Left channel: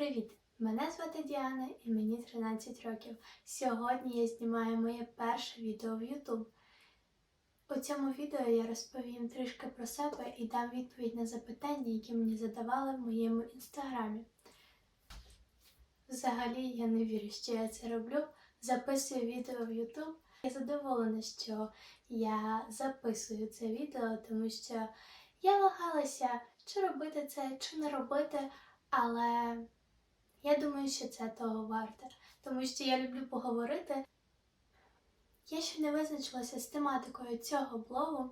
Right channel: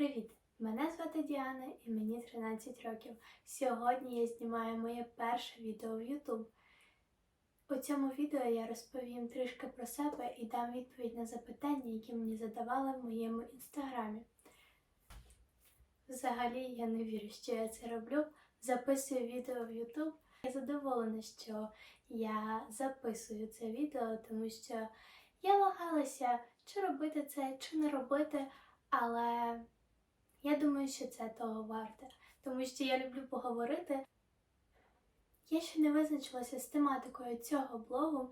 Привіт! Мене звати Діана і мені 13 років. Сьогодні я знімаю моє перше відео в YouTube. У цьому відео я розповім трішки про себе і дам відповідь на запитання, які мені задавали в моєму інстаграмі. Взагалі я не вірю, що я це роблю. Записую відео в YouTube. Я задоволена, що я записую це відео, тому що я вагалася, чи робити це, чи не робити, але я думаю, що це того варте, тому що я люблю поговорити. Я ще не визначилася з тематикою цього блогу.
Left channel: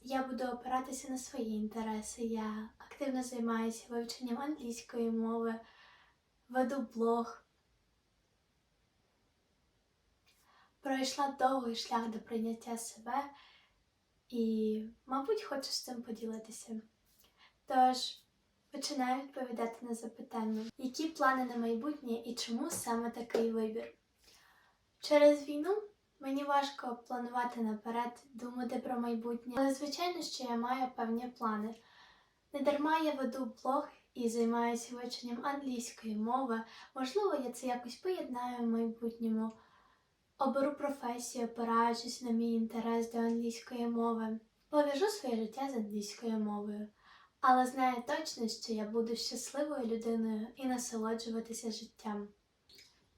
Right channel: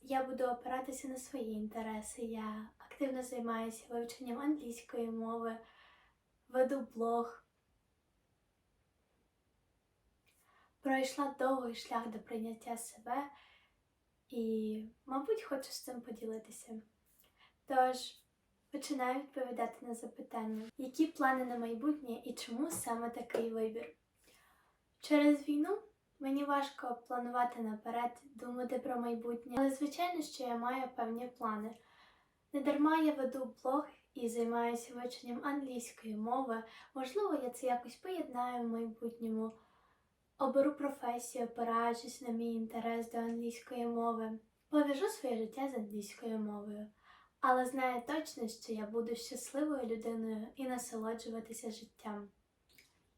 Я буду опиратися на свої інтереси. Я активно займаюся вивченням англійської мови, веду блог. Пройшла довгий шлях до прийняття себе і, мабуть, хочу з цим поділитися. Тож, починаю відповідати на запитання, які плани на майбутнє і чому саме такий вибір. Через війну мені важко планувати наперед, думати про майбутнє, але звичайно, що я маю певні плани. Недарма я веду блог і займаюся вивченням англійської мови. Можливо, я це якось поєднаю в майбутньому. Оберу професію, опираючись на мій інтерес до англійської мови. Пов'яжу своє життя з англійською мовою, але знаю точно, що я буду щасливою людиною і насолоджуватися життям.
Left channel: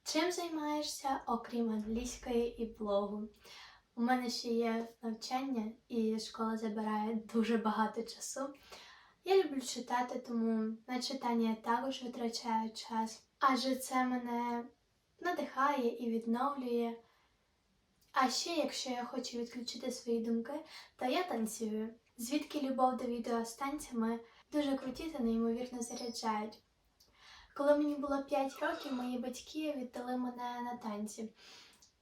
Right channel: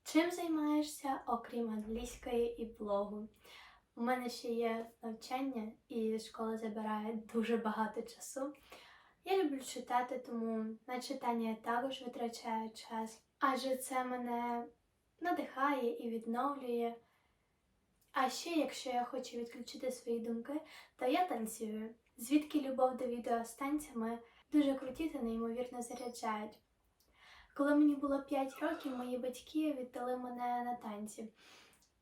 Чим займаєшся, окрім англійської і блогу? У мене ще є навчання, і школа забирає дуже багато часу. Я люблю читати, тому на читання я також витрачаю час, адже це мене надихає і відновлює. А ще, якщо я хочу відключити свої думки, то я танцюю. Звідки любов до відео з танцями дуже круті та неймовірно заряджають. Коли мені було 5 років, мої батьки віддали мене на танці.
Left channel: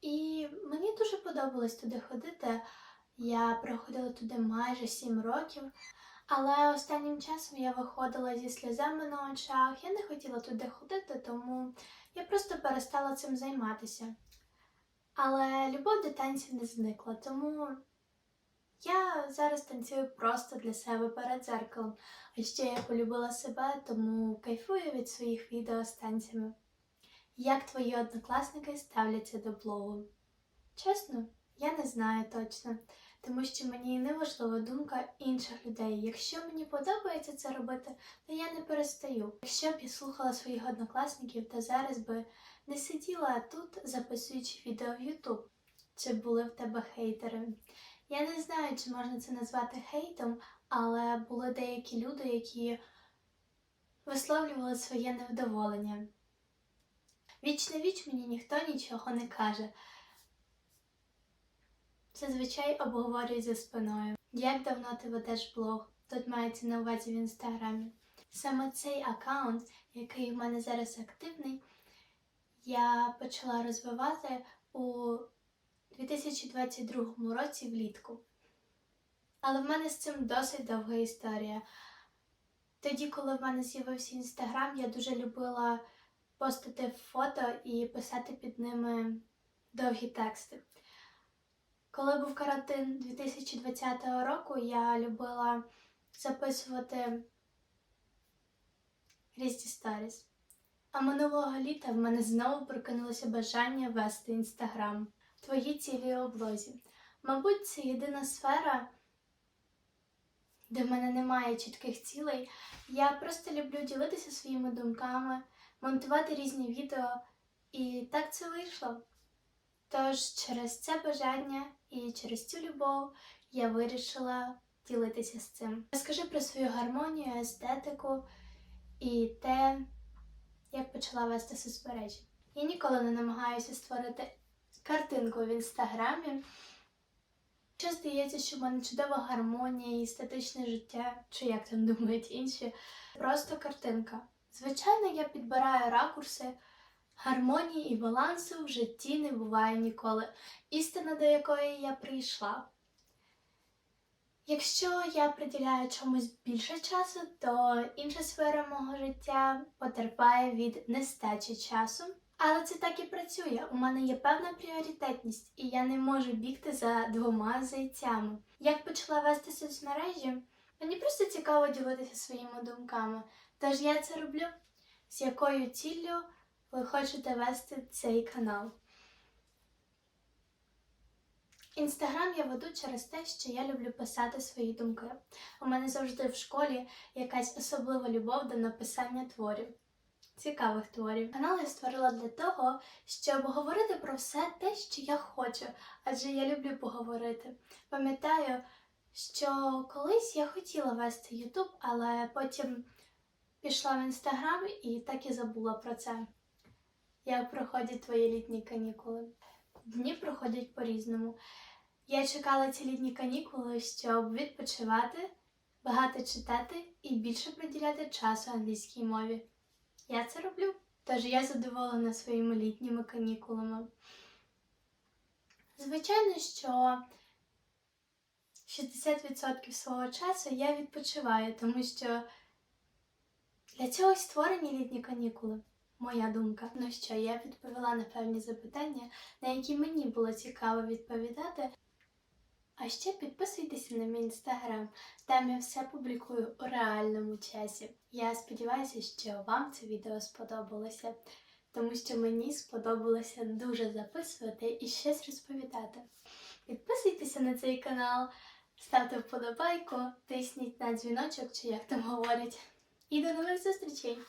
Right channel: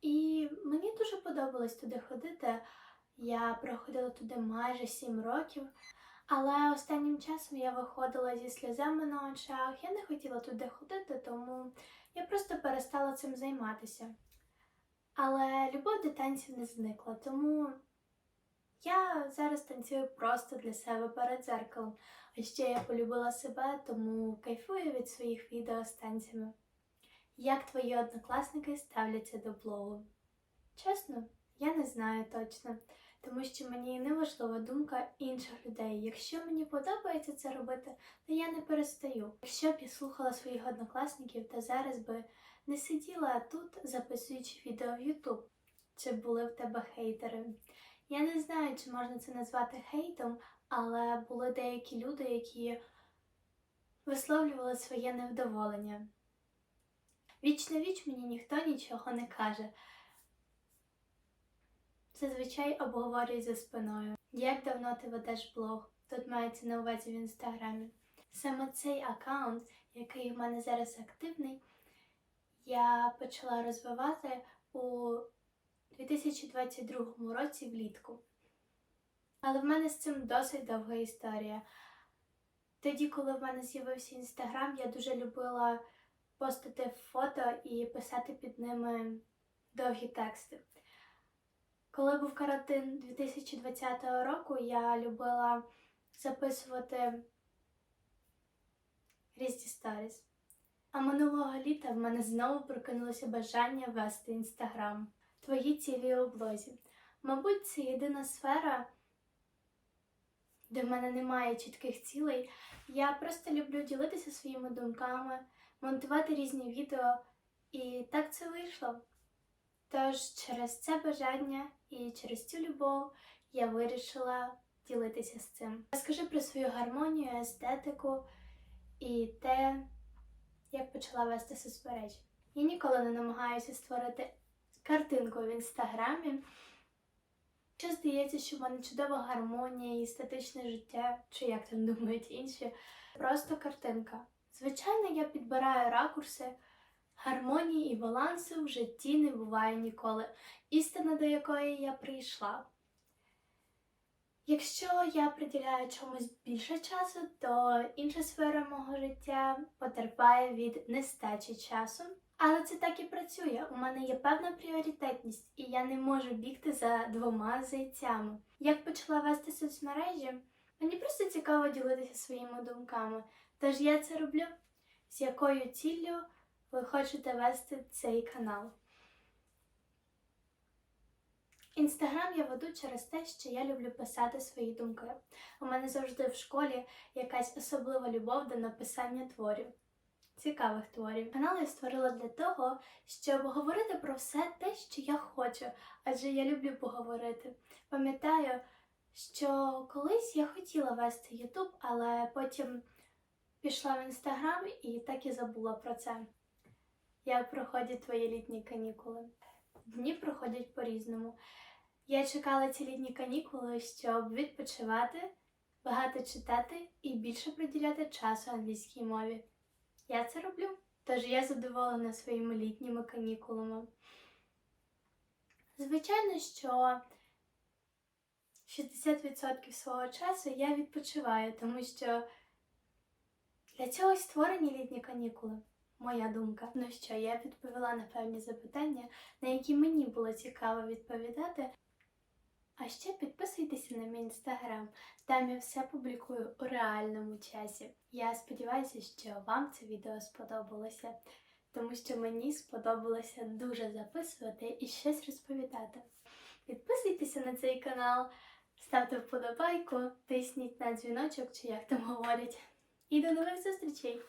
І мені дуже подобалось туди ходити. Я проходила туди майже 7 років. Але останнім часом я виходила зі сльозами на очах. Я не хотіла туди ходити, тому я просто перестала цим займатися. Але любов до танців не зникла, тому я зараз танцюю просто для себе перед дзеркалом. А ще я полюбила себе, тому кайфую від своїх відео з танцями. Як твої однокласники ставляться до блогу? Чесно, я не знаю точно, тому що мені не важлива думка інших людей. Якщо мені подобається це робити, то я не перестаю. Якщо б я слухала своїх однокласників, то зараз би не сиділа тут, записуючи відео в YouTube. Чи були в тебе хейтери? Я не знаю, чи можна це назвати хейтом, але були деякі люди, які висловлювали своє невдоволення. Віч на віч мені ніхто нічого не каже. Зазвичай обговорюють за спиною. Як давно ти ведеш блог? Тут мається на увазі в інстаграмі. Саме цей аккаунт, який в мене зараз активний, я почала розвивати у 2022 році влітку. Але в мене з цим досить довга історія. Тоді, коли в мене з'явився інстаграм, я дуже любила постити фото і писати під ними довгі тексти. Коли був карантин 2020 року, я любила записувати різні сторіс. А минулого літа в мене знову прокинулося бажання вести інстаграм. Твої цілі у блозі. Мабуть, це єдина сфера, де в мене немає чітких цілей. Я просто люблю ділитися своїми думками, монтувати різні відео, і так це вийшло. Тож через це бажання і через цю любов я вирішила ділитися з цим. Розкажи про свою гармонію, естетику і те, як почала вести соцмережі. Я ніколи не намагаюся створити картинку в інстаграмі. Що здається, що в мене чудова гармонія і естетичне життя, чи як там думають інші, просто картинка. Звичайно, я підбираю ракурси. Гармонії і балансу в житті не буває ніколи, істина до якої я прийшла. Якщо я приділяю чомусь більше часу, то інша сфера мого життя потерпає від нестачі часу. Але це так і працює. У мене є певна пріоритетність, і я не можу бігти за двома зайцями. Як почала вести соцмережі, мені просто цікаво ділитися своїми думками. Тож я це роблю. з якою ціллю ви хочете вести цей канал. Інстаграм я веду через те, що я люблю писати свої думки. У мене завжди в школі якась особлива любов до написання творів, цікавих творів. Канал я створила для того, щоб говорити про все те, що я хочу, адже я люблю поговорити. Пам'ятаю, що колись я хотіла вести Ютуб, але потім пішла в інстаграм і так і забула про це. Як проходять твої літні канікули? Дні проходять по-різному. Я чекала ці літні канікули, щоб відпочивати, багато читати і більше приділяти часу англійській мові. Я це роблю, тож я задоволена своїми літніми канікулами. Звичайно, що 60% свого часу я відпочиваю, тому що для цього й створені літні канікули. Моя думка. Ну що, я відповіла на певні запитання, на які мені було цікаво відповідати. А ще підписуйтеся на мій інстаграм, там я все публікую у реальному часі. Я сподіваюся, що вам це відео сподобалося, тому що мені сподобалося дуже записувати і щось розповідати. Підписуйтеся на цей канал, ставте вподобайку, тисніть на дзвіночок, чи як там говорять. І до нових зустрічей!